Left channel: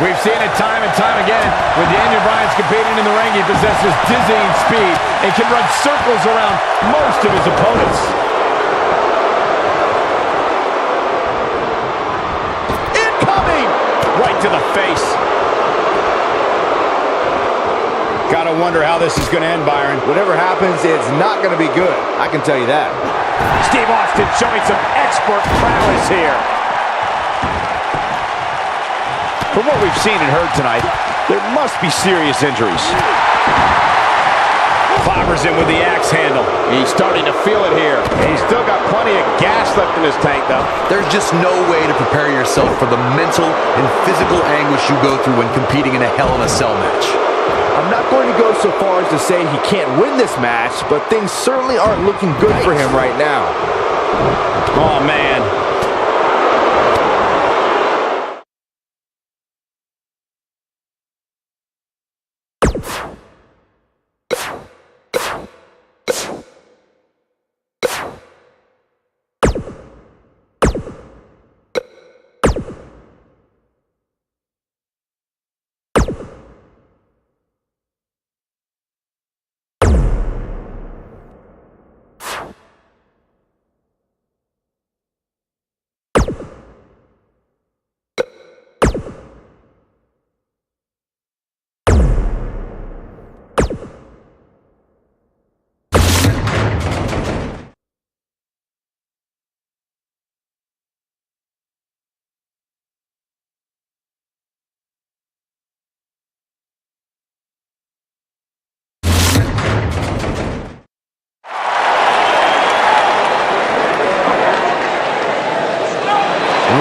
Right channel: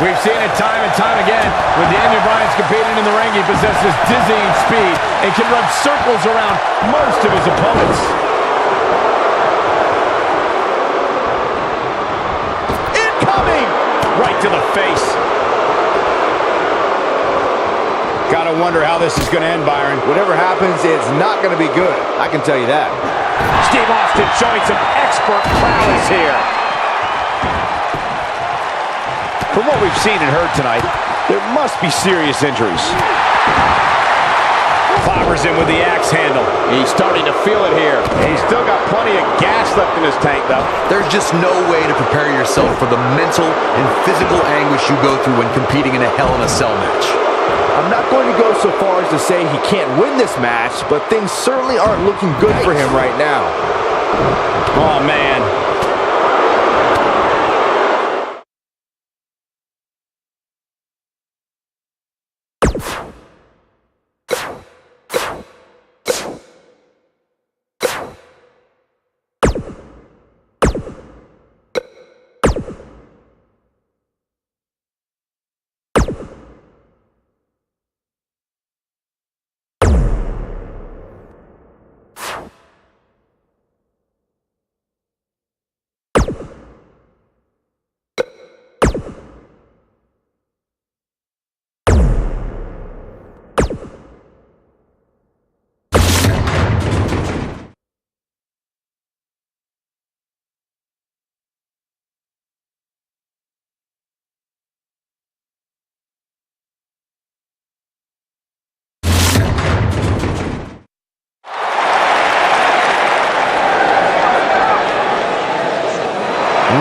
We've seen it time and time again. When Daniel Bryan's competing in the ring, he possesses dizzying speed and can run circles around most of his opponents. Incoming! Right to the face. Gotta wonder how this is gonna end, Byron. Whatever happens, it's not gonna be good. I can tell you that. Steve Austin showing some expert prowess here. From what we've seen and heard tonight, there must be serious injuries. Clobbers him with the axe handle. He's starting to feel it here. He's still got plenty of gas left in his tank, though. There's just no way to prepare yourself for the mental and physical anguish you go through when competing in a Hell in a Cell match. I'm not going to go so far as to say he can't win this match, but things certainly aren't looking good for him right now. Oh, man.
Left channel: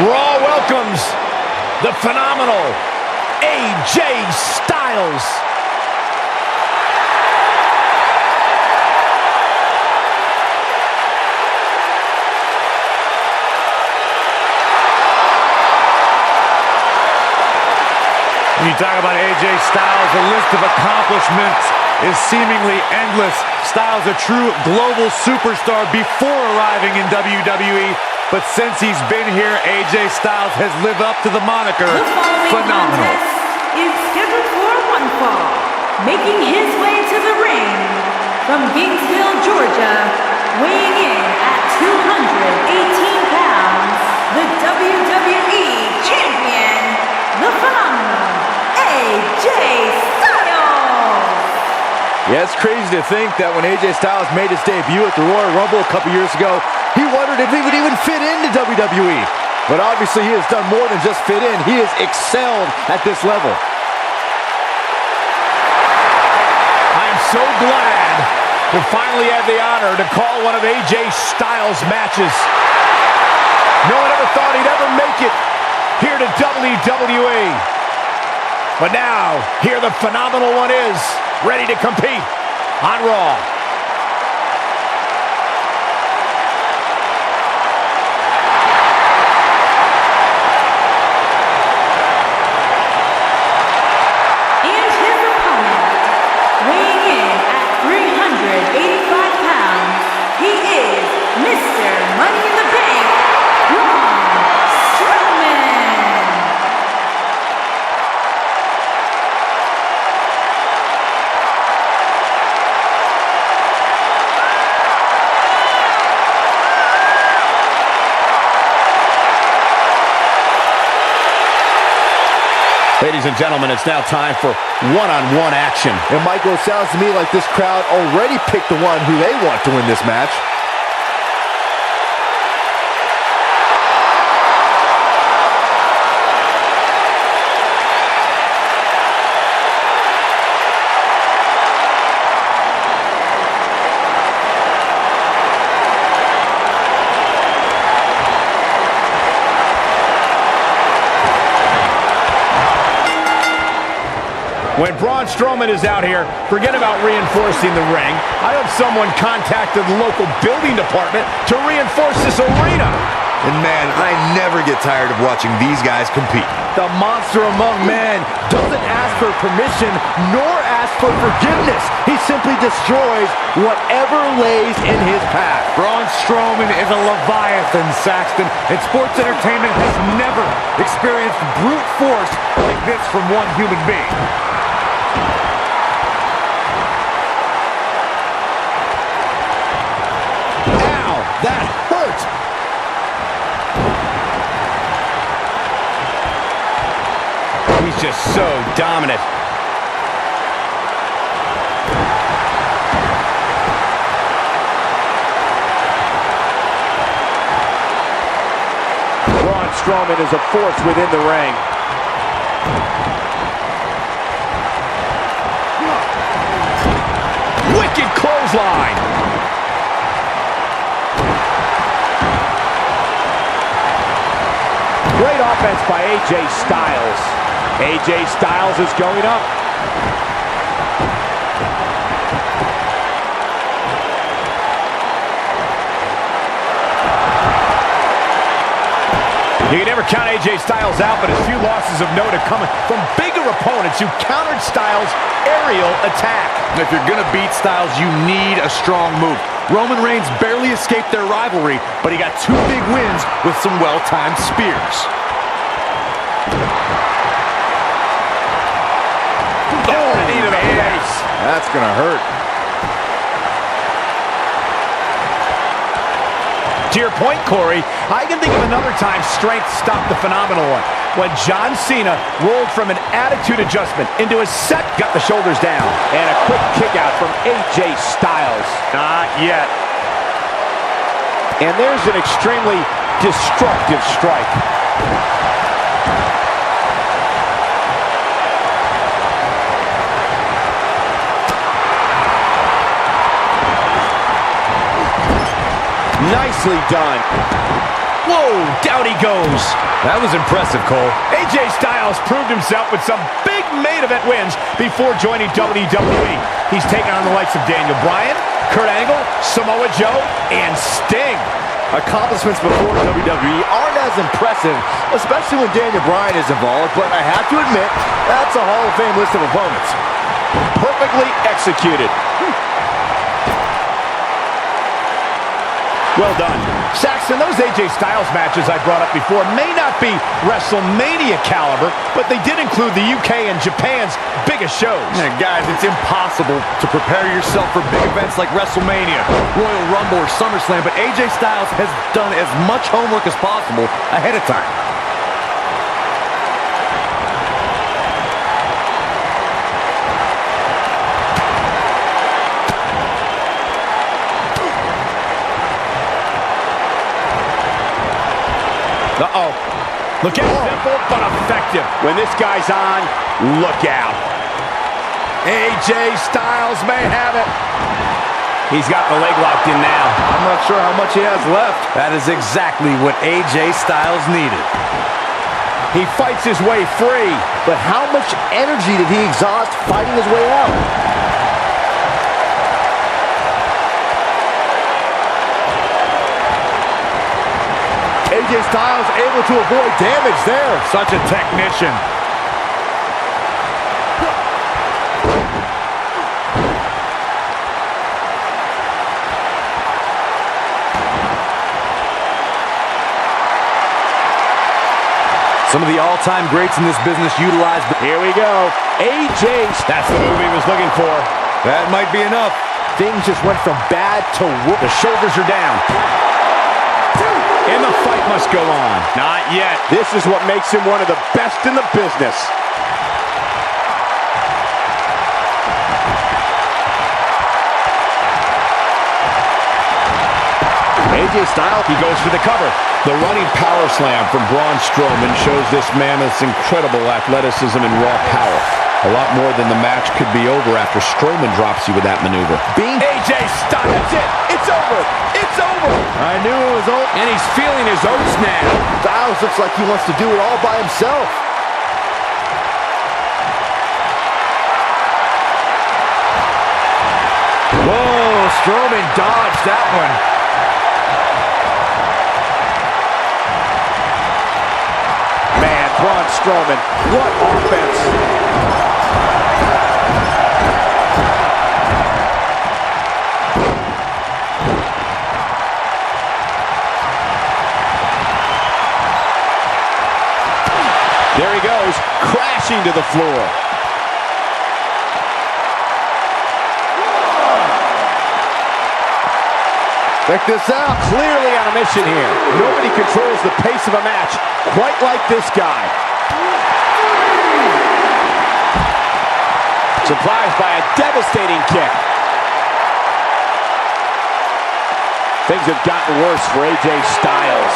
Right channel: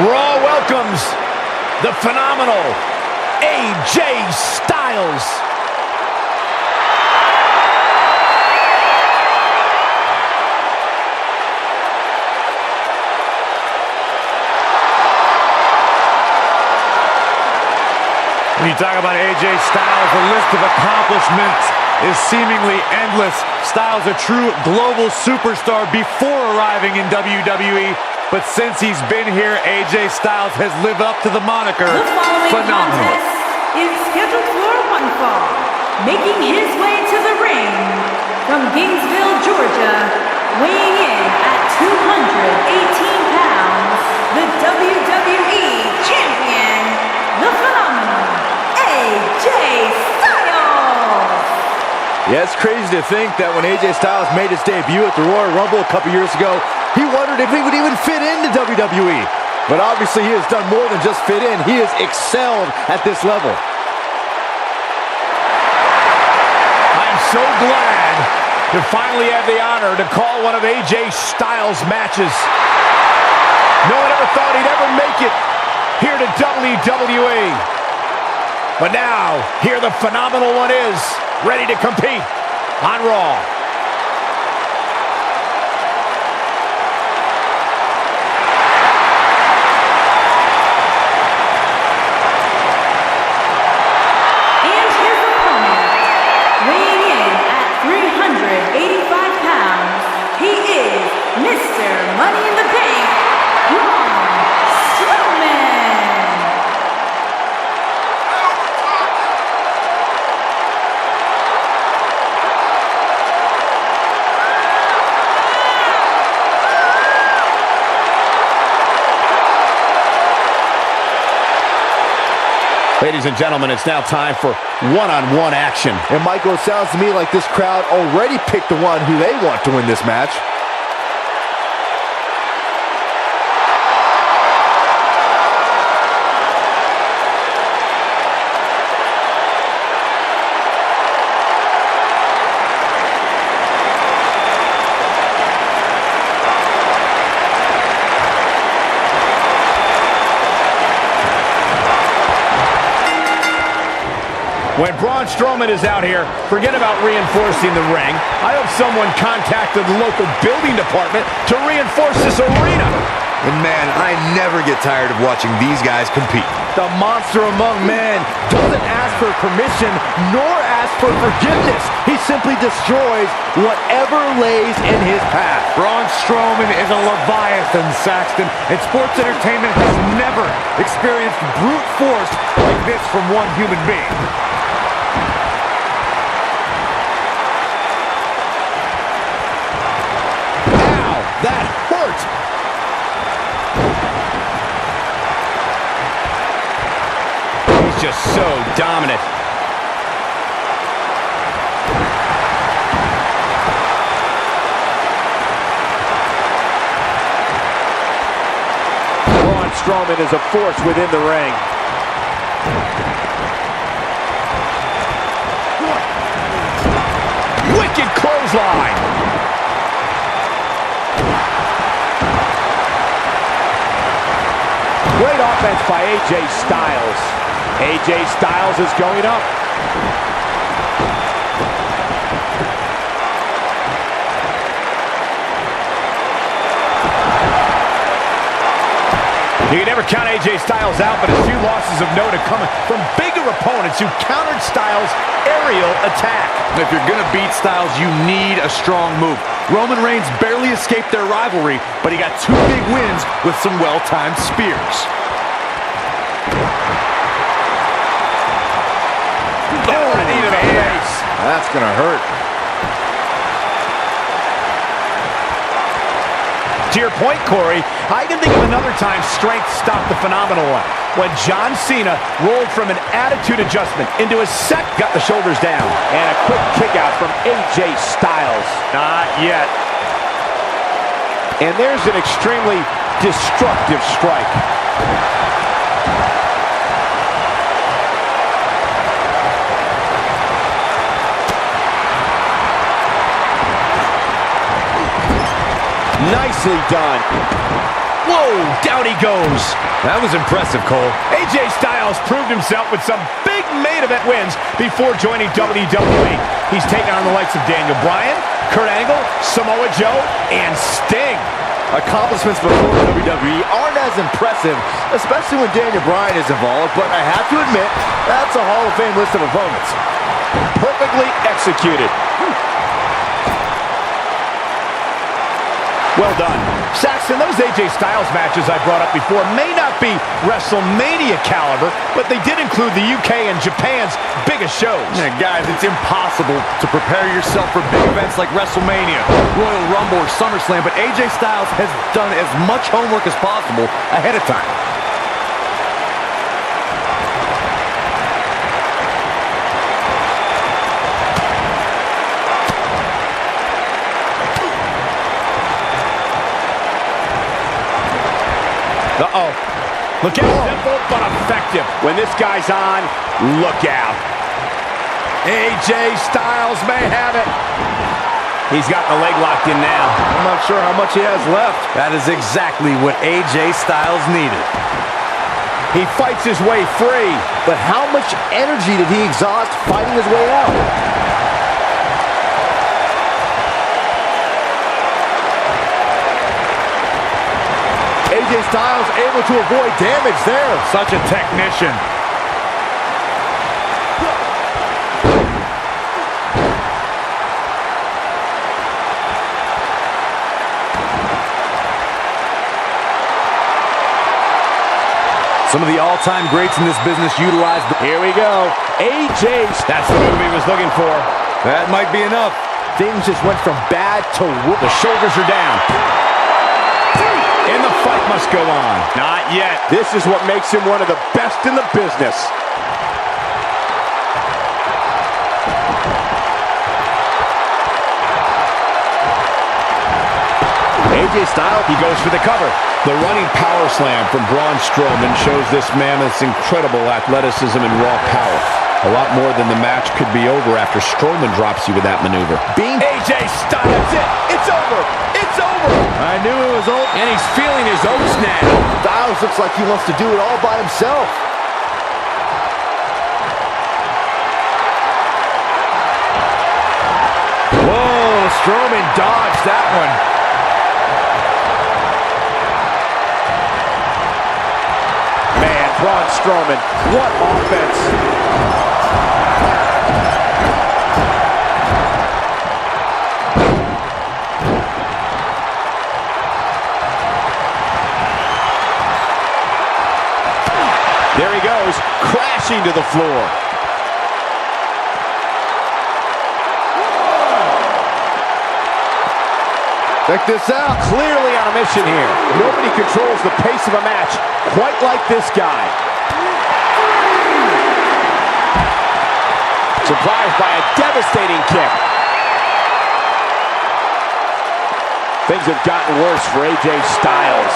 Raw welcomes the phenomenal AJ Styles. When you talk about AJ Styles, the list of accomplishments is seemingly endless. Styles, a true global superstar before arriving in WWE. But since he's been here, AJ Styles has lived up to the moniker phenomenal. The following contest is scheduled for one fall. Making his way to the ring from Gainesville, Georgia, weighing in at 218 pounds, the WWE Champion, the phenomenal AJ Styles. Yeah, it's crazy to think that when AJ Styles made his debut at the Royal Rumble a couple years ago, he wondered if he would even fit into WWE. But obviously he has done more than just fit in. He has excelled at this level. I am so glad to finally have the honor to call one of AJ Styles' matches. No one ever thought he'd ever make it here to WWE. But now, here the phenomenal one is, ready to compete on Raw. And his opponent, weighing in at 385 pounds, he is Mr. Money in the Bank, Braun Strowman. Ladies and gentlemen, it's now time for one-on-one action. And Michael, it sounds to me like this crowd already picked the one who they want to win this match. When Braun Strowman is out here, forget about reinforcing the ring. I hope someone contacted the local building department to reinforce this arena. And man, I never get tired of watching these guys compete. The monster among men doesn't ask for permission nor ask for forgiveness. He simply destroys whatever lays in his path. Braun Strowman is a Leviathan, Saxton, and sports entertainment has never experienced brute force like this from one human being. Ow, that hurt. He's just so dominant. Braun Strowman is a force within the ring. Wicked clothesline. Great offense by AJ Styles. AJ Styles is going up. You can never count AJ Styles out, but a few losses of note are coming from bigger opponents who countered Styles' aerial attack. If you're gonna beat Styles, you need a strong move. Roman Reigns barely escaped their rivalry, but he got 2 big wins with some well-timed spears. Oh, a knee to the face. That's gonna hurt. To your point, Corey, I can think of another time strength stopped the phenomenal one. When John Cena rolled from an attitude adjustment into a set, got the shoulders down. And a quick kick out from AJ Styles. Not yet. And there's an extremely destructive strike. Nicely done. Whoa, down he goes. That was impressive, Cole. AJ Styles proved himself with some big main event wins before joining WWE. He's taken on the likes of Daniel Bryan, Kurt Angle, Samoa Joe, and Sting. Accomplishments before WWE aren't as impressive, especially when Daniel Bryan is involved, but I have to admit, that's a Hall of Fame list of opponents. Perfectly executed. Well done. Saxton, those AJ Styles matches I brought up before may not be WrestleMania caliber, but they did include the UK and Japan's biggest shows. Yeah, guys, it's impossible to prepare yourself for big events like WrestleMania, Royal Rumble, or SummerSlam, but AJ Styles has done as much homework as possible ahead of time. Uh-oh. Look out. Simple but effective. When this guy's on, look out. AJ Styles may have it. He's got the leg locked in now. I'm not sure how much he has left. That is exactly what AJ Styles needed. He fights his way free. But how much energy did he exhaust fighting his way out? AJ Styles able to avoid damage there. Such a technician. Some of the all-time greats in this business utilize the... Here we go. AJ. That's the move he was looking for. That might be enough. Things just went from bad to worse. The shoulders are down. And the fight must go on. Not yet. This is what makes him one of the best in the business. AJ Styles, he goes for the cover. The running power slam from Braun Strowman shows this mammoth's incredible athleticism and raw power. A lot more than the match could be over after Strowman drops you with that maneuver. AJ Styles, that's it. It's over. It's over. I knew it was over. And he's feeling his oats now. Styles looks like he wants to do it all by himself. Whoa, Strowman dodged that one. Man, Braun Strowman. What offense. There he goes, crashing to the floor. Check this out. Clearly on a mission here. Nobody controls the pace of a match quite like this guy. Surprised by a devastating kick. Things have gotten worse for AJ Styles.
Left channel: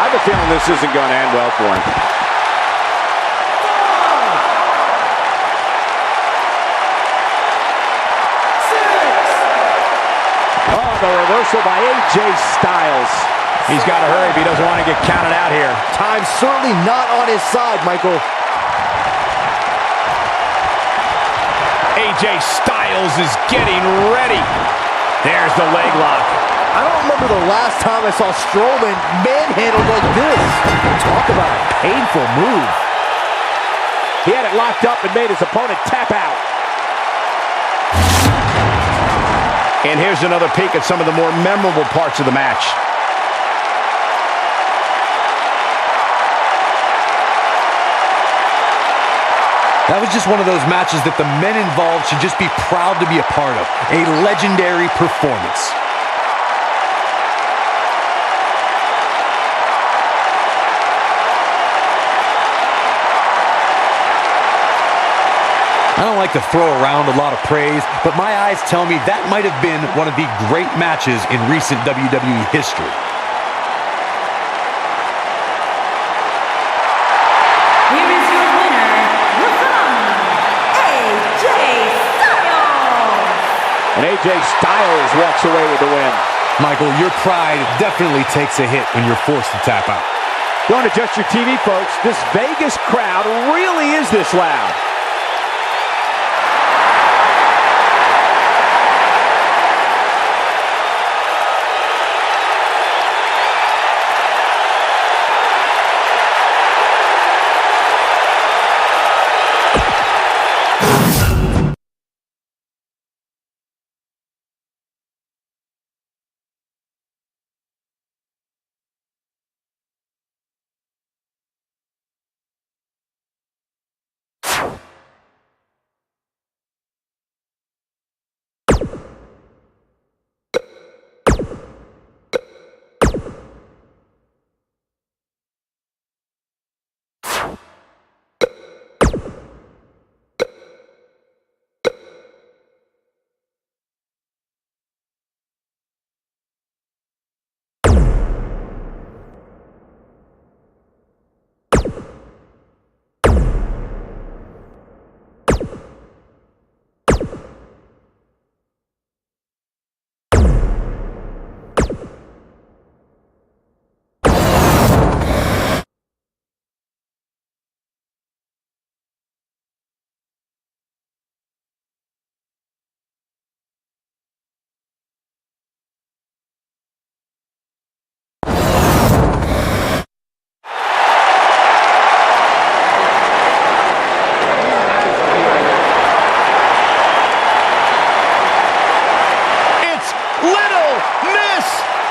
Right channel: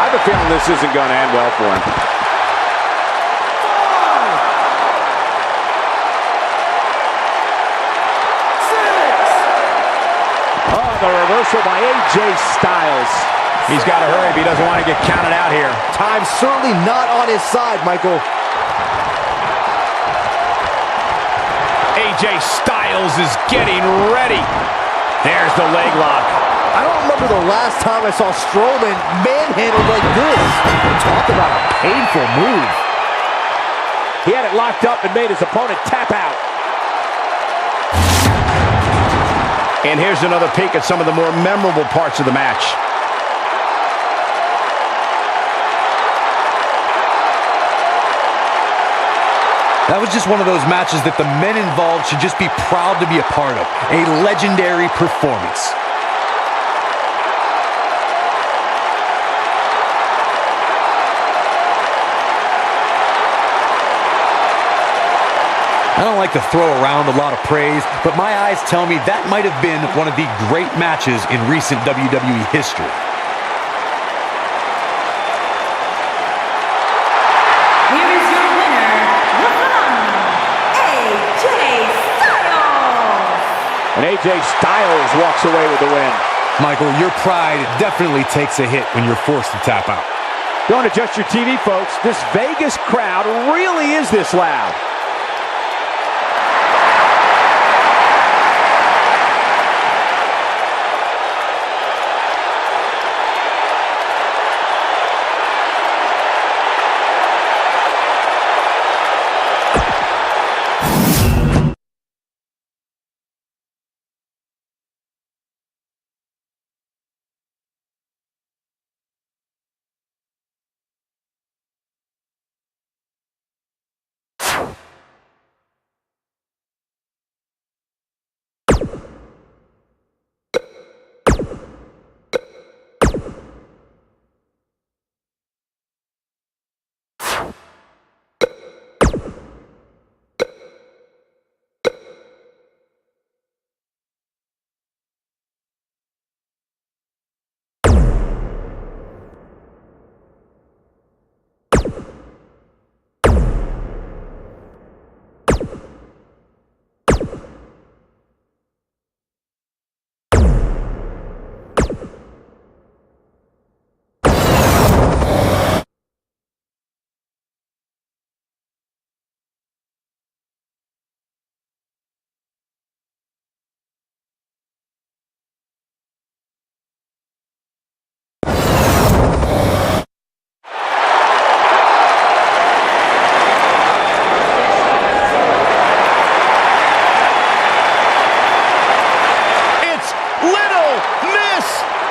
I have a feeling this isn't going to end well for him. Oh, the reversal by AJ Styles. He's got to hurry if he doesn't want to get counted out here. Time's certainly not on his side, Michael. AJ Styles is getting ready. There's the leg lock. I don't remember the last time I saw Strowman manhandled like this. Talk about a painful move. He had it locked up and made his opponent tap out. And here's another peek at some of the more memorable parts of the match. That was just one of those matches that the men involved should just be proud to be a part of. A legendary performance. I don't like to throw around a lot of praise, but my eyes tell me that might have been one of the great matches in recent WWE history. Here is your winner, the phenomenal AJ Styles. And AJ Styles walks away with the win. Michael, your pride definitely takes a hit when you're forced to tap out. Don't adjust your TV, folks. This Vegas crowd really is this loud.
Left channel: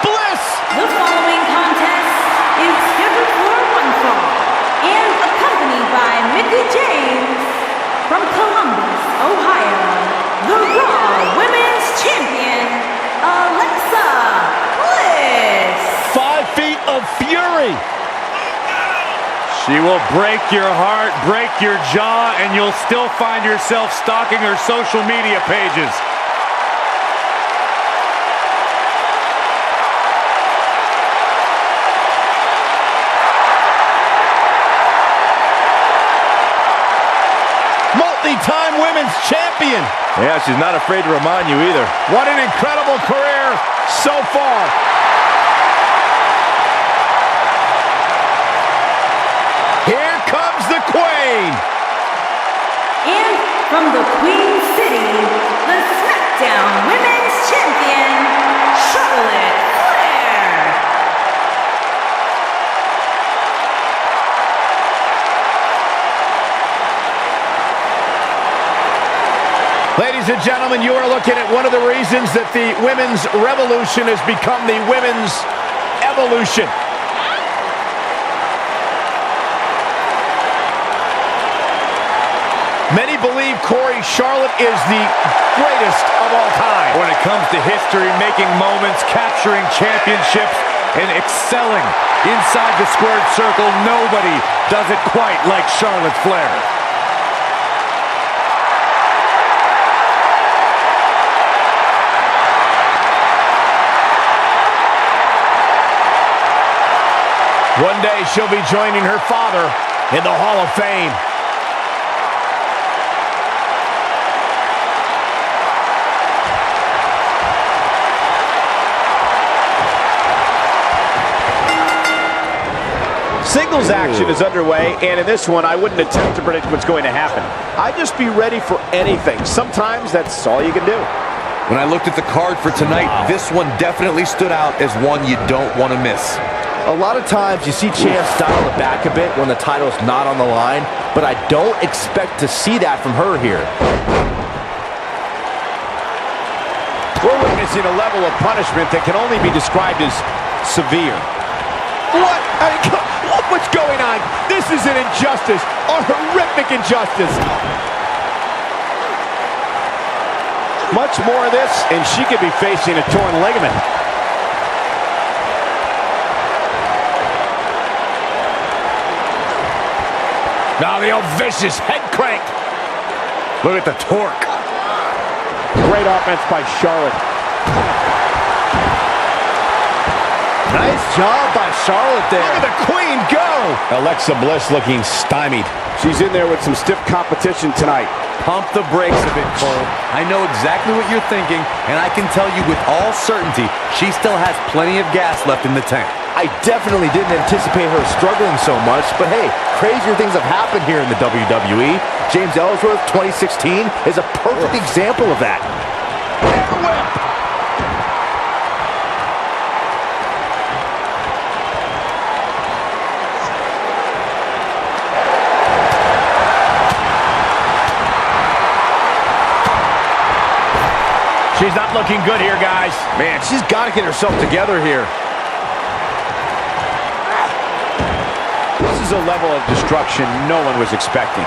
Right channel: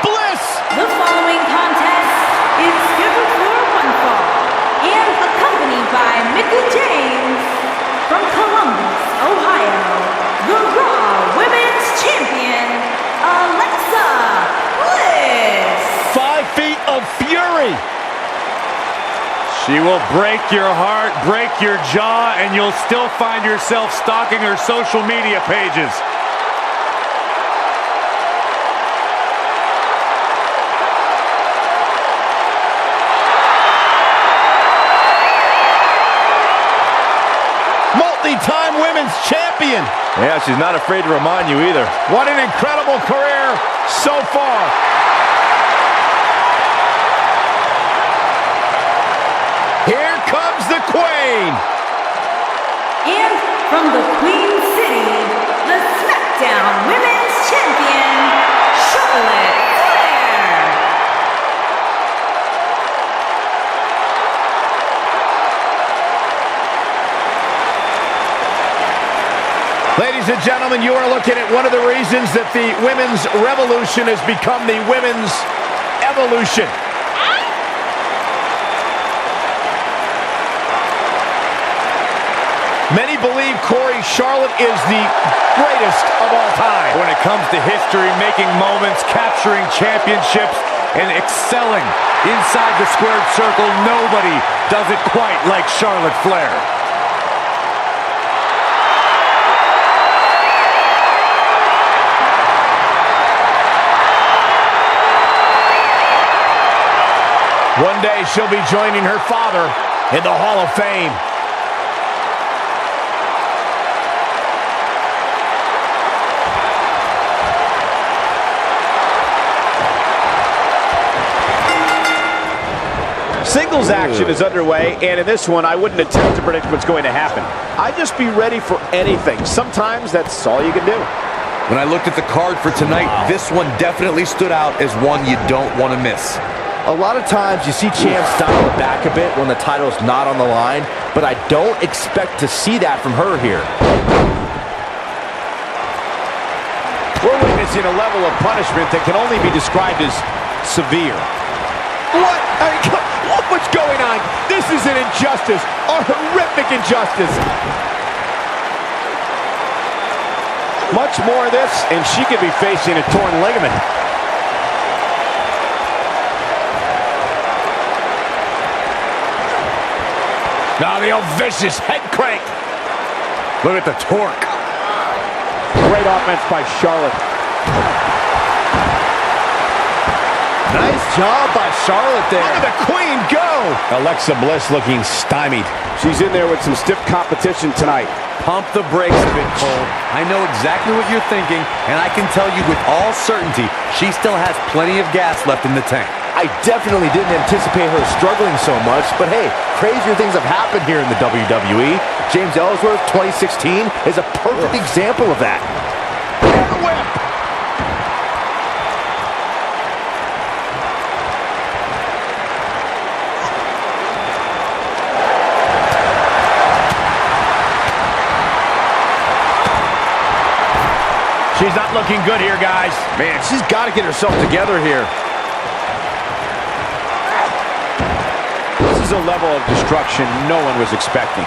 Bliss! The following contest is scheduled for one fall and accompanied by Mickie James from Columbus, Ohio, the Raw Women's Champion, Alexa Bliss. 5 feet of fury. She will break your heart, break your jaw, and you'll still find yourself stalking her social media pages. Multi-time women's champion. Yeah, she's not afraid to remind you either. What an incredible career so far. Here comes the Queen. And from the Queen City, the SmackDown Women's Champion, Charlotte Flair. Ladies and gentlemen, you are looking at one of the reasons that the women's revolution has become the women's evolution. Many believe Corey, Charlotte is the greatest of all time. When it comes to history, making moments, capturing championships, and excelling inside the squared circle, nobody does it quite like Charlotte Flair. One day she'll be joining her father in the Hall of Fame. Singles action is underway, and in this one, I wouldn't attempt to predict what's going to happen. I'd just be ready for anything. Sometimes that's all you can do. When I looked at the card for tonight, this one definitely stood out as one you don't want to miss. A lot of times you see champs dial it back a bit when the title's not on the line, but I don't expect to see that from her here. We're witnessing a level of punishment that can only be described as severe. What? I mean, look what's going on. This is an injustice, a horrific injustice. Much more of this, and she could be facing a torn ligament. Now the old vicious head crank. Look at the torque. Great offense by Charlotte. Nice job by Charlotte there. Look at the queen go. Alexa Bliss looking stymied. She's in there with some stiff competition tonight. Pump the brakes a bit, Cole. I know exactly what you're thinking, and I can tell you with all certainty, she still has plenty of gas left in the tank. I definitely didn't anticipate her struggling so much, but hey, crazier things have happened here in the WWE. James Ellsworth, 2016, is a perfect example of that. Air whip. She's not looking good here, guys. Man, she's got to get herself together here. This is a level of destruction no one was expecting.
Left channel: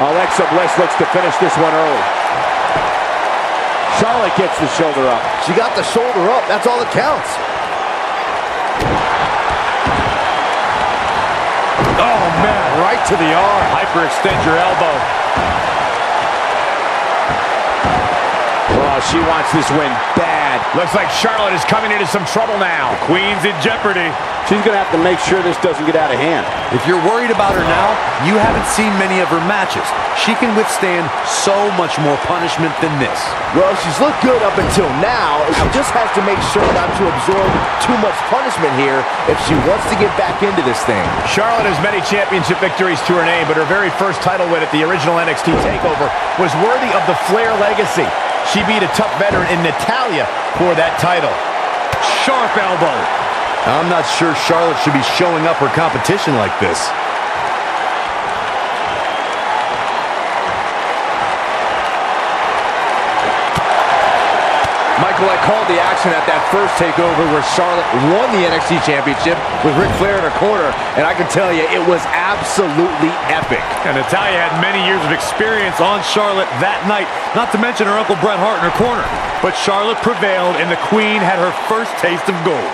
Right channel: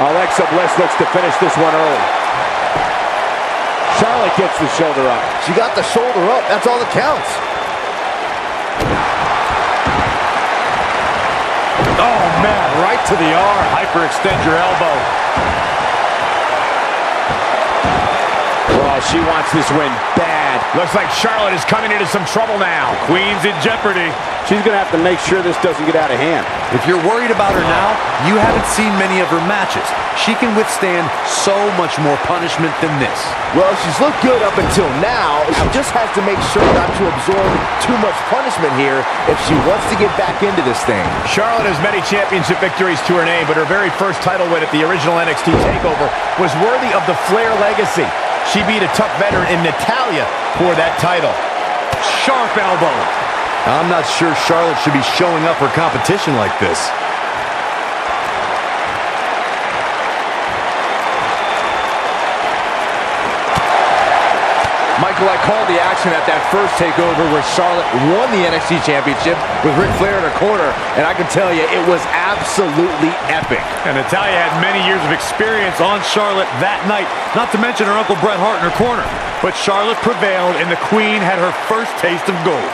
Alexa Bliss looks to finish this one early. Charlotte gets the shoulder up. She got the shoulder up. That's all that counts. Oh, man, right to the arm. Hyperextend your elbow. Oh, she wants this win bad. Looks like Charlotte is coming into some trouble now. The Queen's in jeopardy. She's going to have to make sure this doesn't get out of hand. If you're worried about her now, you haven't seen many of her matches. She can withstand so much more punishment than this. Well, she's looked good up until now. She just has to make sure not to absorb too much punishment here if she wants to get back into this thing. Charlotte has many championship victories to her name, but her very first title win at the original NXT TakeOver was worthy of the Flair legacy. She beat a tough veteran in Natalya for that title. Sharp elbow. I'm not sure Charlotte should be showing up her competition like this. Michael, I called the action at that first takeover where Charlotte won the NXT Championship with Ric Flair in her corner, and I can tell you, it was absolutely epic. And Natalya had many years of experience on Charlotte that night, not to mention her Uncle Bret Hart in her corner. But Charlotte prevailed, and the Queen had her first taste of gold.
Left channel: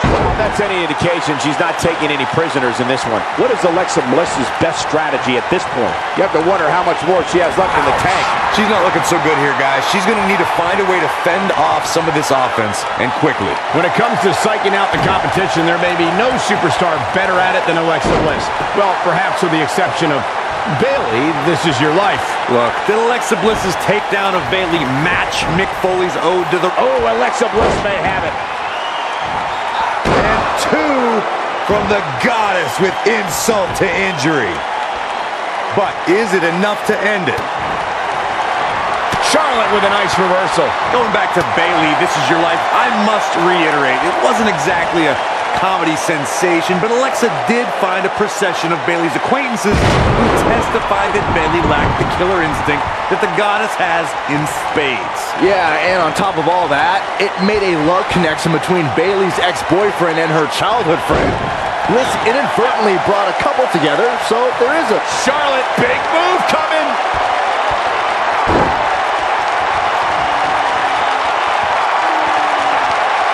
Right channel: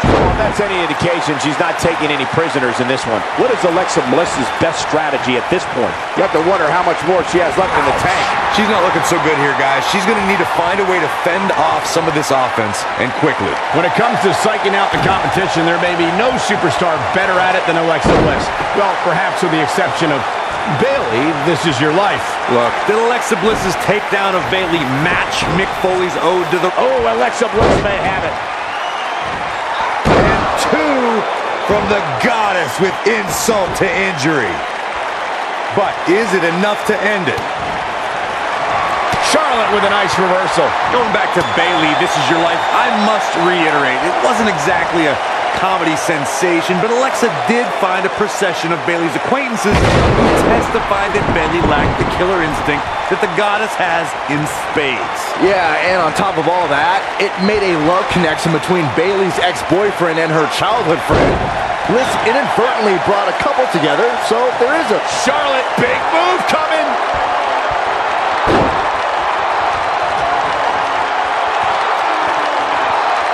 Well, if that's any indication, she's not taking any prisoners in this one. What is Alexa Bliss's best strategy at this point? You have to wonder how much more she has left in the tank. She's not looking so good here, guys. She's going to need to find a way to fend off some of this offense, and quickly. When it comes to psyching out the competition, there may be no superstar better at it than Alexa Bliss. Well, perhaps with the exception of Bayley. This is your life. Look, did Alexa Bliss's takedown of Bayley match Mick Foley's ode to the... Oh, Alexa Bliss may have it. And two from the goddess with insult to injury. But is it enough to end it? Charlotte with a nice reversal. Going back to Bayley, this is your life. I must reiterate, it wasn't exactly a comedy sensation, but Alexa did find a procession of Bayley's acquaintances who testified that Bayley lacked the killer instinct that the goddess has in spades. Yeah, and on top of all that, it made a love connection between Bayley's ex-boyfriend and her childhood friend. Bliss inadvertently brought a couple together, so there is a... Charlotte, big move coming.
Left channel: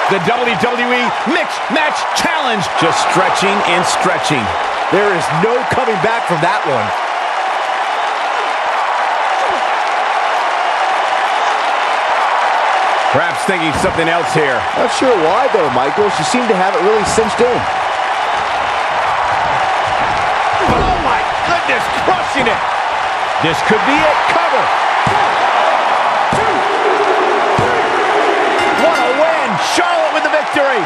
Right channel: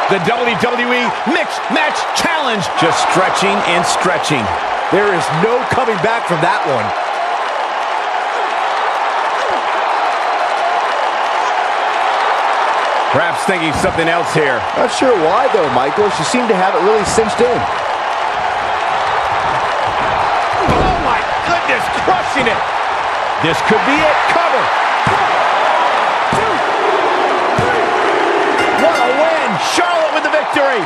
The WWE Mixed Match Challenge. Just stretching and stretching. There is no coming back from that one. Perhaps thinking something else here. Not sure why, though, Michael. She seemed to have it really cinched in. Oh, my goodness, crushing it. This could be it. Cover. 1, 2, 3. What a win. Charlotte with the victory.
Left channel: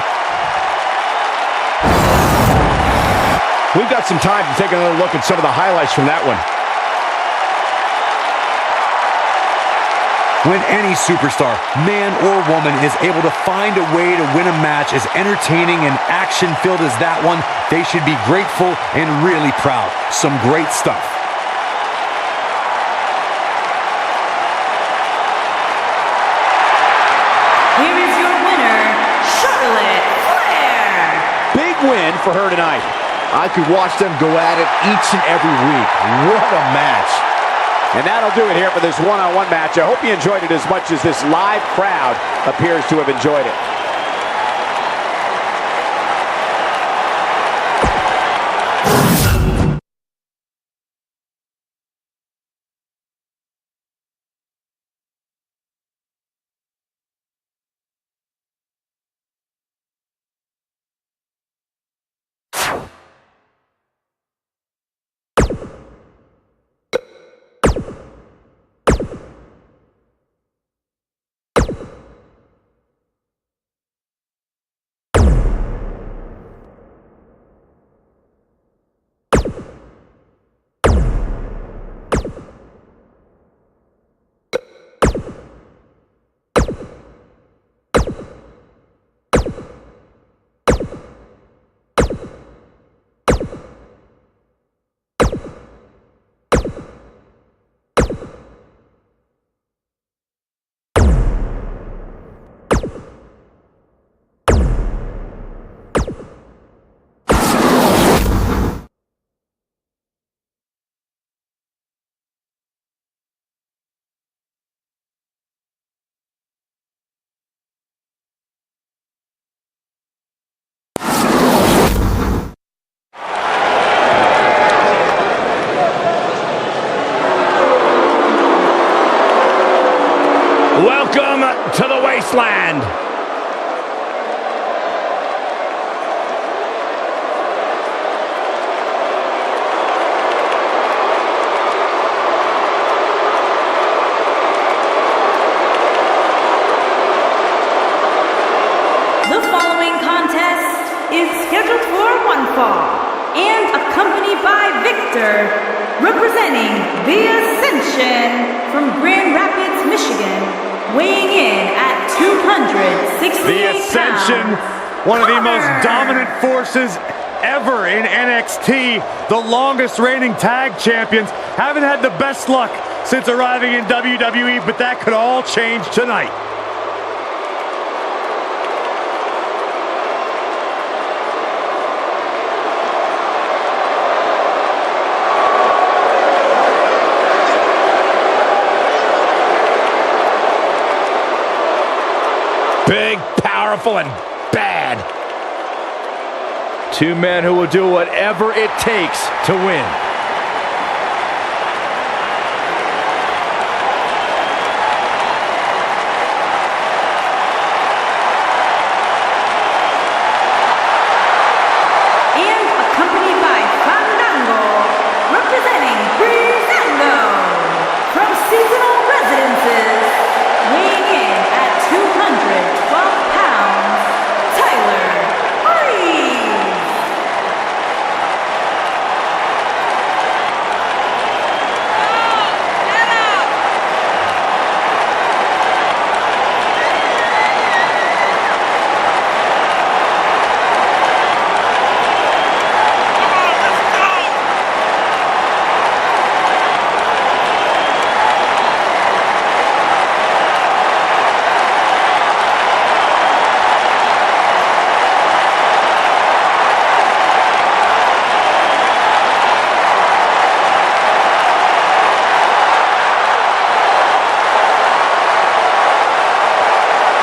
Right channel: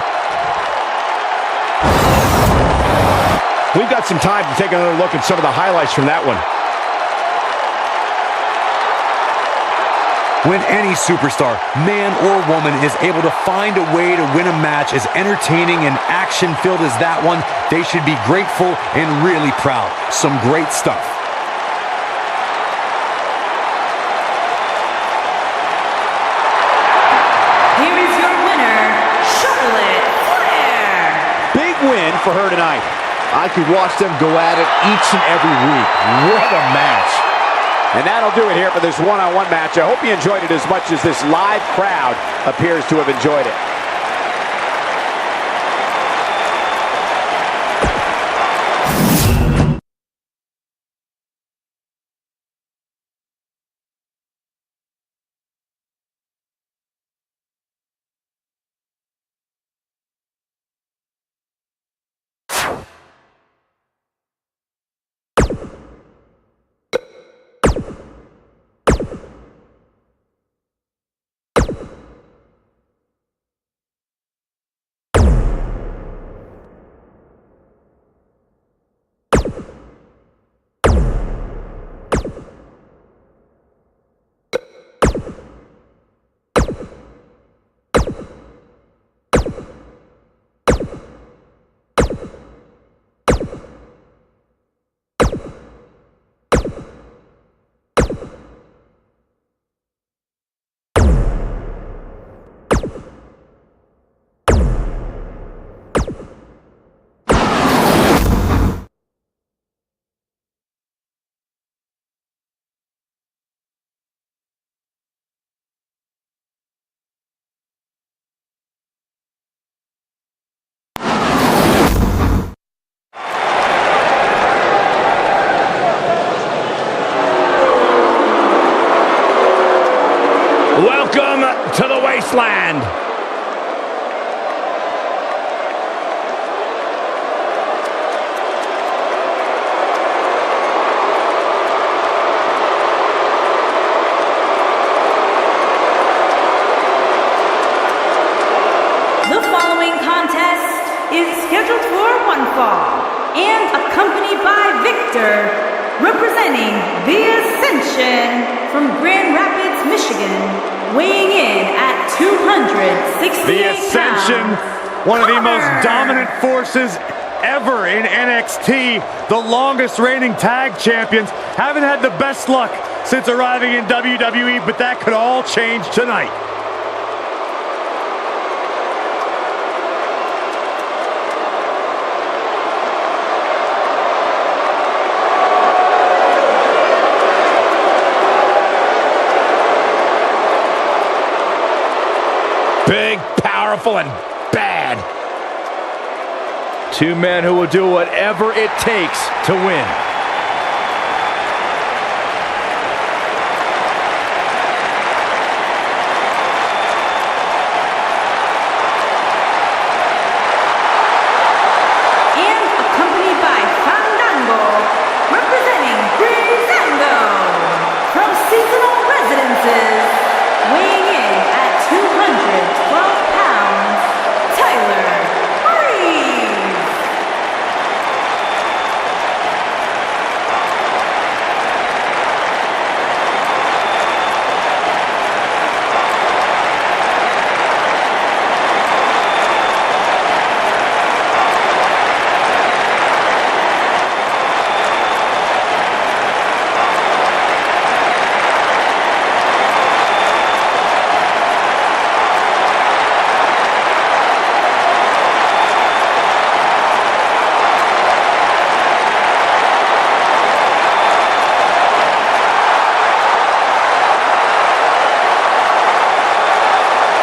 We've got some time to take another look at some of the highlights from that one. When any superstar, man or woman, is able to find a way to win a match as entertaining and action-filled as that one, they should be grateful and really proud. Some great stuff. Here is your winner, Charlotte Flair. Big win for her tonight. I could watch them go at it each and every week. What a match. And that'll do it here for this one-on-one match. I hope you enjoyed it as much as this live crowd appears to have enjoyed it. Welcome to the wasteland. The following contest is scheduled for one fall and accompanied by Victor, representing the Ascension from Grand Rapids, Michigan, weighing in at 268 pounds. The Ascension, one of the most dominant forces ever in NXT, the longest reigning tag champions, haven't had the best luck since arriving in WWE, but that could all change tonight. Big, powerful, and bad. Two men who will do whatever it takes to win. And accompanied by Fandango, representing BRYAN from Seasonal Residences, weighing in at 212 pounds, Tyler Breeze.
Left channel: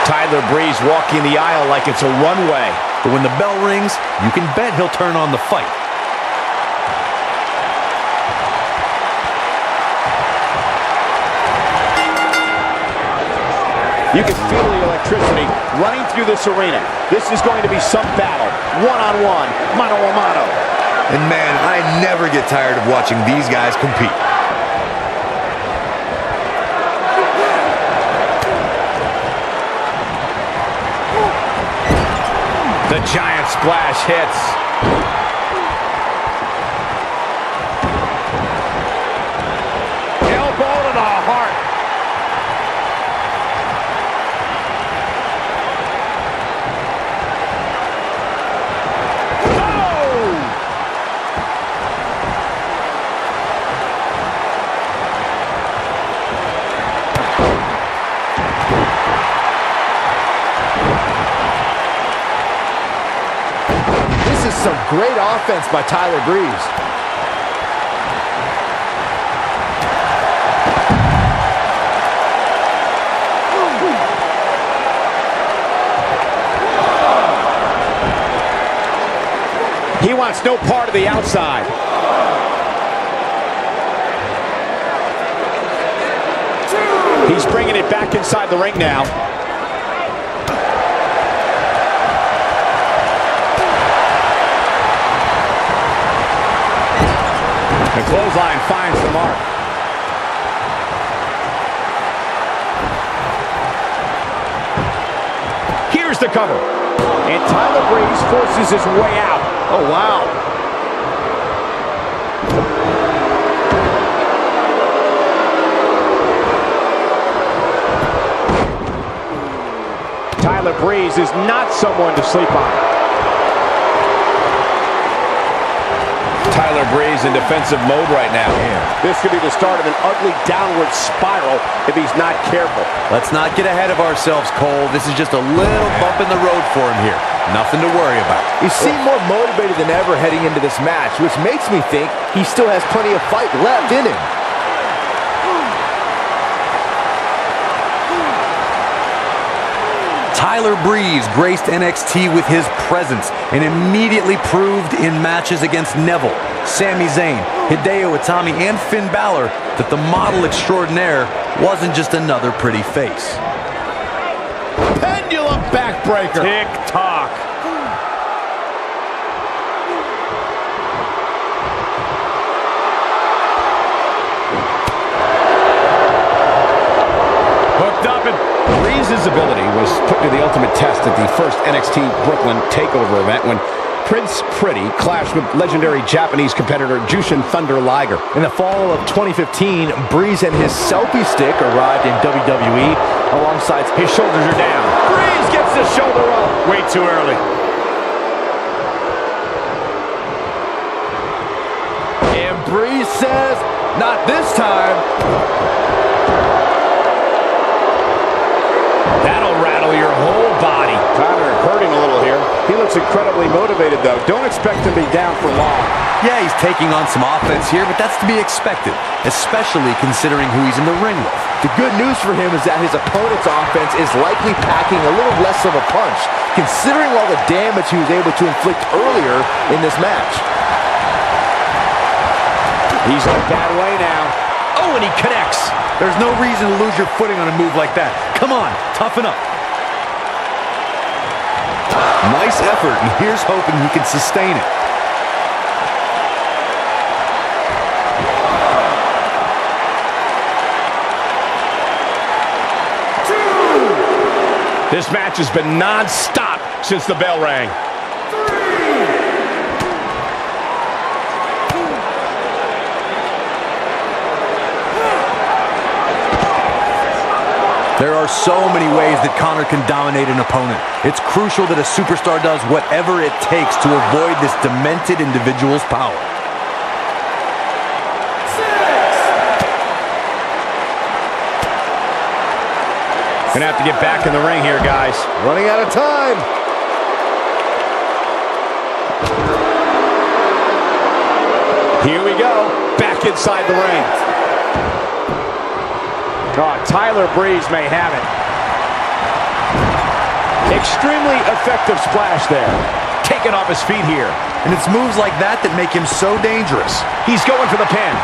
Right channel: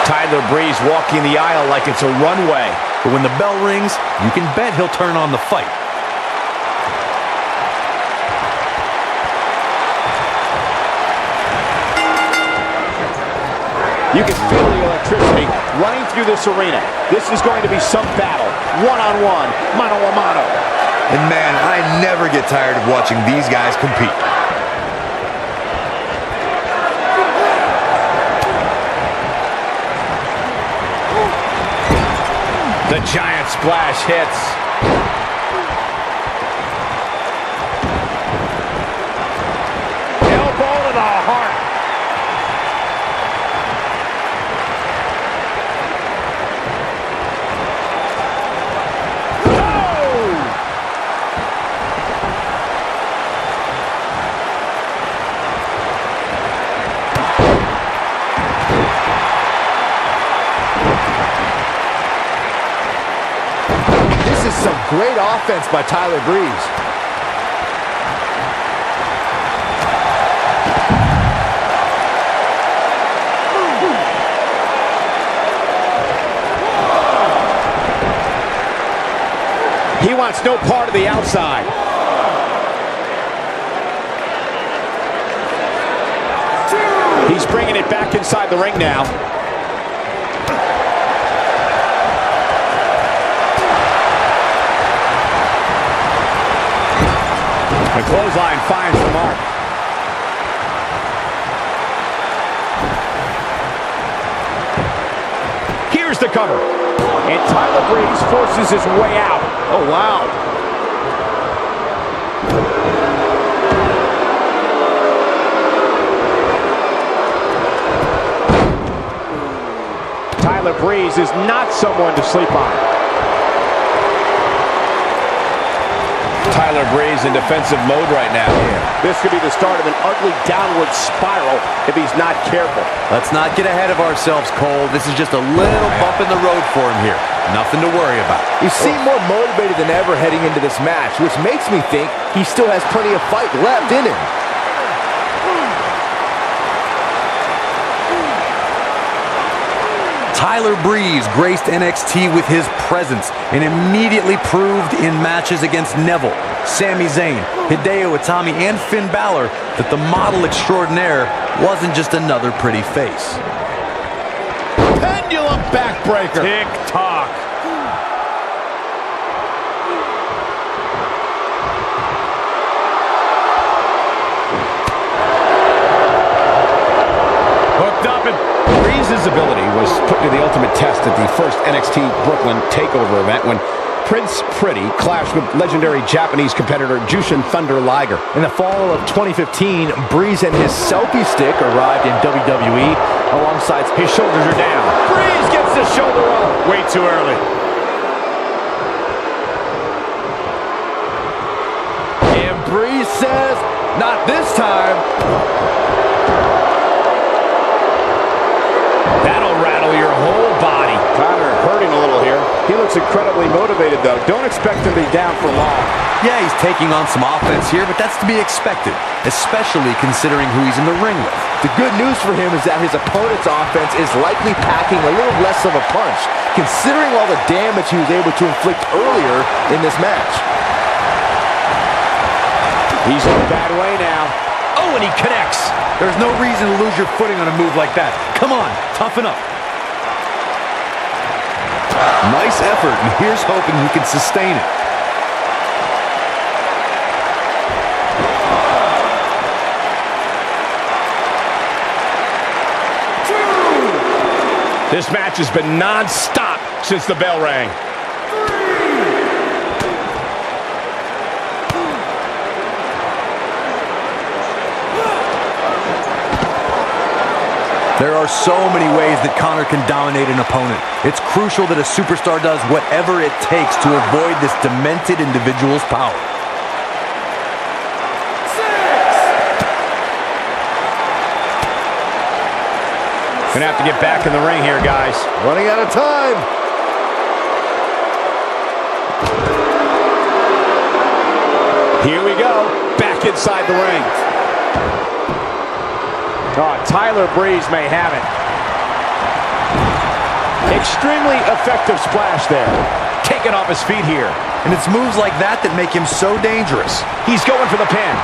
Tyler Breeze walking the aisle like it's a runway. But when the bell rings, you can bet he'll turn on the fight. You can feel the electricity running through this arena. This is going to be some battle. One-on-one, mano-a-mano. And man, I never get tired of watching these guys compete. The giant splash hits. Elbow to the heart. This is some great offense by Tyler Breeze. He wants no part of the outside. He's bringing it back inside the ring now. The clothesline finds the mark. Here's the cover. And Tyler Breeze forces his way out. Oh, wow. Tyler Breeze is not someone to sleep on. Tyler Breeze in defensive mode right now. Man. This could be the start of an ugly downward spiral if he's not careful. Let's not get ahead of ourselves, Cole. This is just a little bump in the road for him here. Nothing to worry about. He seemed more motivated than ever heading into this match, which makes me think he still has plenty of fight left in him. Tyler Breeze graced NXT with his presence and immediately proved in matches against Neville, Sami Zayn, Hideo Itami, and Finn Balor that the model extraordinaire wasn't just another pretty face. Pendulum backbreaker. Tick-tock. Hooked up and Breeze's ability was put to the ultimate test at the first NXT Brooklyn TakeOver event when Prince Pretty clashed with legendary Japanese competitor Jushin Thunder Liger. In the fall of 2015, Breeze and his selfie stick arrived in WWE alongside. His shoulders are down. Breeze gets the shoulder up. way too early. And Breeze says, not this time. That'll rattle your whole body. Connor hurting a little here. He looks incredibly motivated, though. Don't expect him to be down for long. Yeah, he's taking on some offense here, but that's to be expected, especially considering who he's in the ring with. The good news for him is that his opponent's offense is likely packing a little less of a punch, considering all the damage he was able to inflict earlier in this match. He's in a bad way now. Oh, and he connects. There's no reason to lose your footing on a move like that. Come on, toughen up. Nice effort, and here's hoping he can sustain it. This match has been non-stop since the bell rang. There are so many ways that Connor can dominate an opponent. It's crucial that a superstar does whatever it takes to avoid this demented individual's power. Gonna have to get back in the ring here, guys. Running out of time. Here we go. Back inside the ring. Oh, Tyler Breeze may have it. Extremely effective splash there. Taken off his feet here. And it's moves like that that make him so dangerous. He's going for the pin.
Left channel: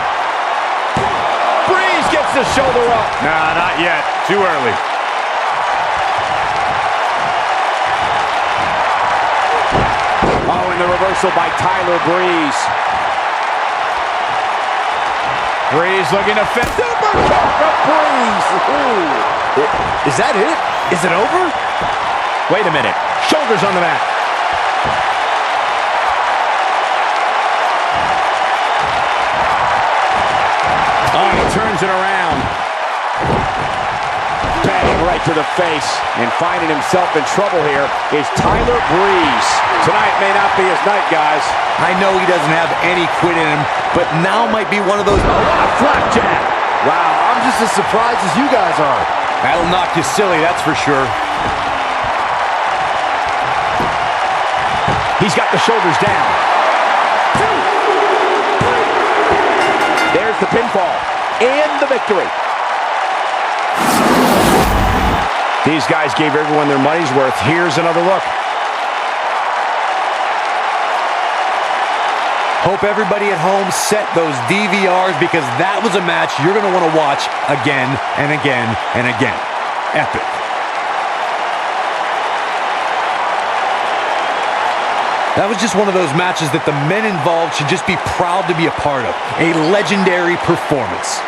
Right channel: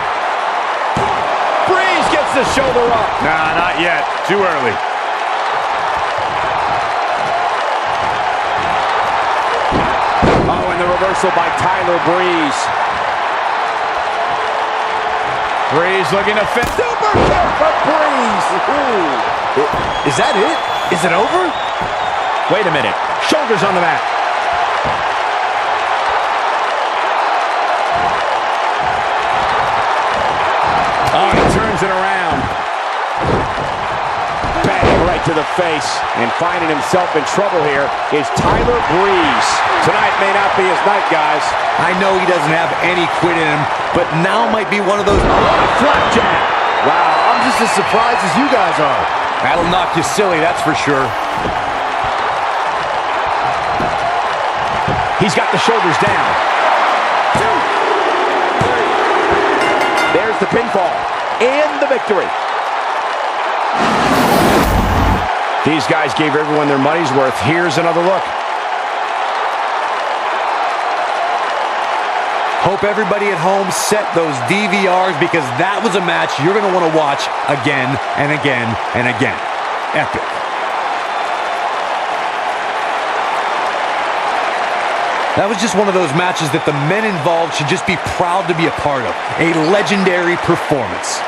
Breeze gets the shoulder up. Nah, not yet. Too early. Oh, and the reversal by Tyler Breeze. Breeze looking to fit. Super kick from Breeze. Ooh. Is that it? Is it over? Wait a minute. Shoulders on the mat. Oh, he turns it around. Bang right to the face. And finding himself in trouble here is Tyler Breeze. Tonight may not be his night, guys. I know he doesn't have any quit in him, but now might be one of those. Oh, what a flapjack. Wow, I'm just as surprised as you guys are. That'll knock you silly, that's for sure. He's got the shoulders down. 2, 3. There's the pinfall and the victory. These guys gave everyone their money's worth. Here's another look. Hope everybody at home set those DVRs, because that was a match you're going to want to watch again and again and again. Epic. That was just one of those matches that the men involved should just be proud to be a part of. A legendary performance.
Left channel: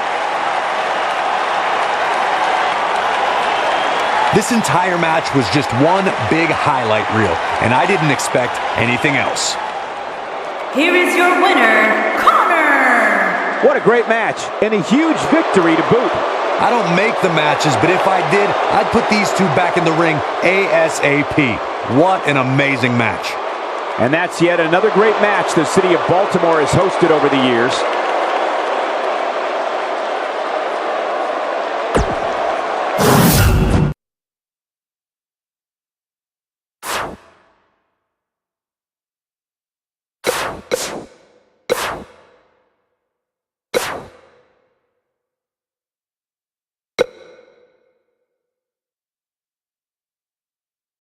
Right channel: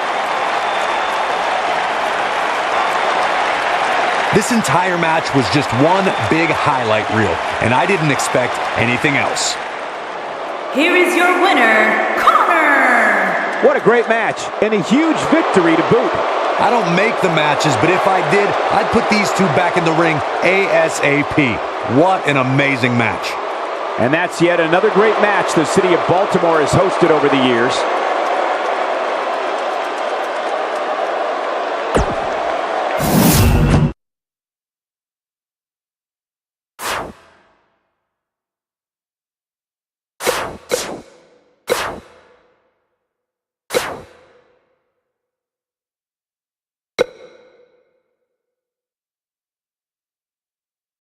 This entire match was just one big highlight reel, and I didn't expect anything else. Here is your winner, Connor! What a great match, and a huge victory to boot. I don't make the matches, but if I did, I'd put these two back in the ring ASAP. What an amazing match. And that's yet another great match the city of Baltimore has hosted over the years.